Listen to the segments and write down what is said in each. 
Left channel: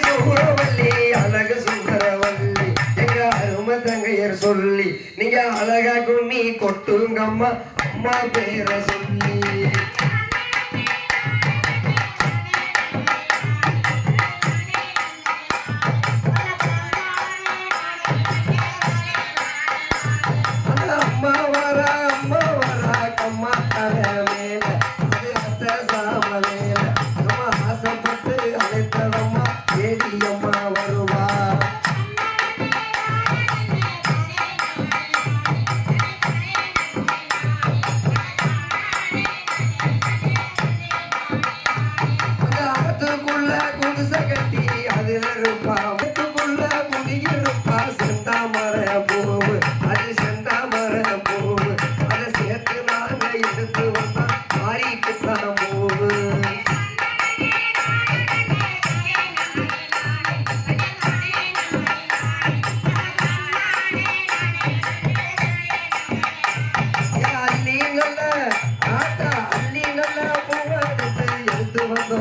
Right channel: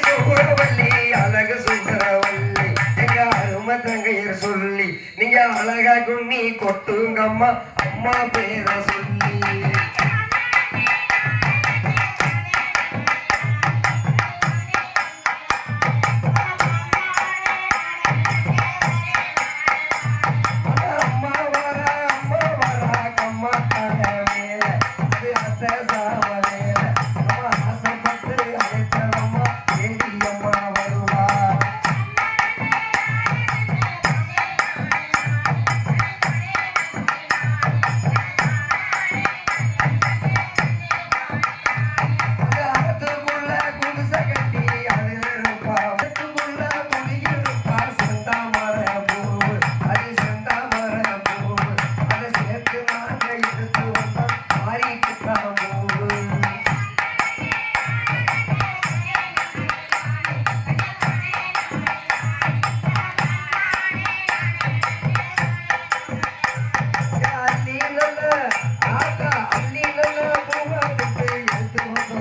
சுபரவள்ளி அழகு சுபரவள்ளி எங்க அருமை தங்கையர் சொல்லி நீங்க அழகா கும்மி கொட்டுங்கம்மா அம்மா பேரை சொல்லி. அம்மா வரா அம்மா வரா கம்மா மேல. அது அத்த சாமல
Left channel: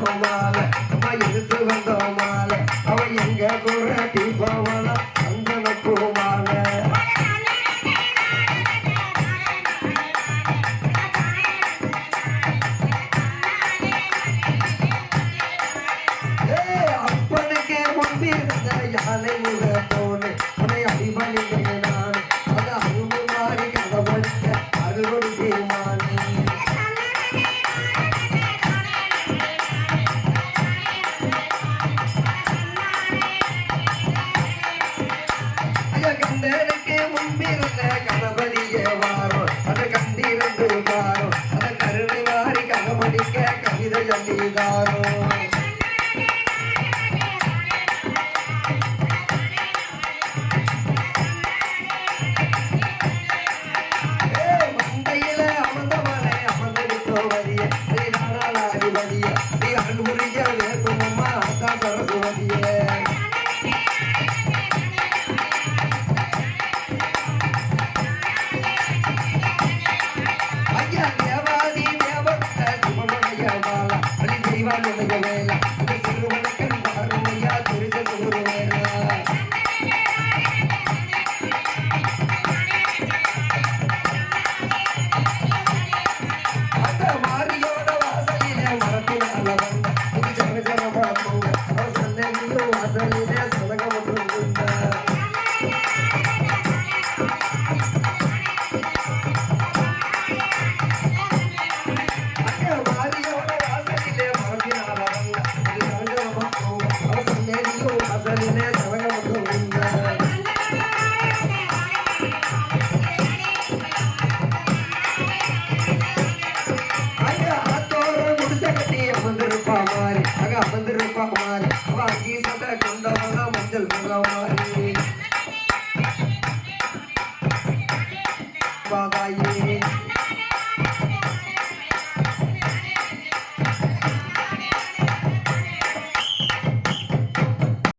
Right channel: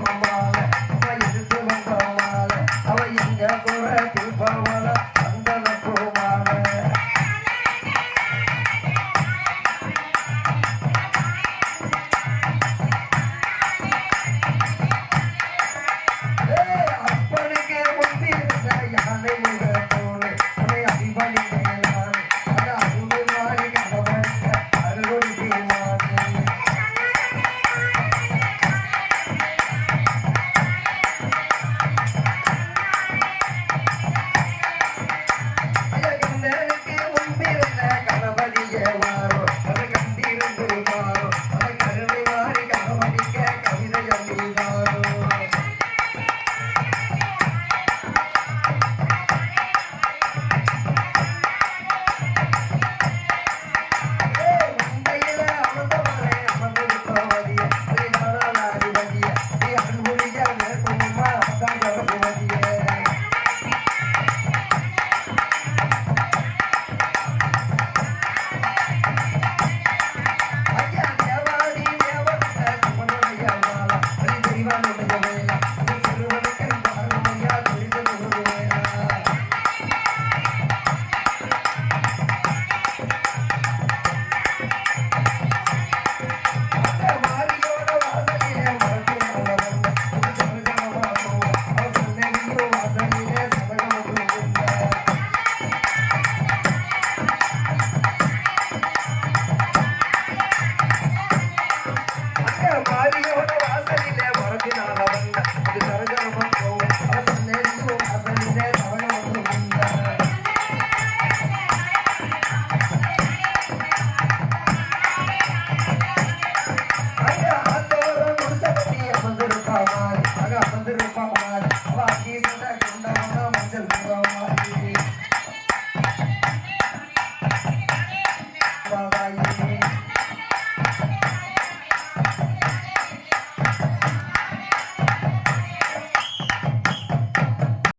வந்தோம் மாலை மயில் சுகந்தோம் மாலை சந்திரூபா குமார்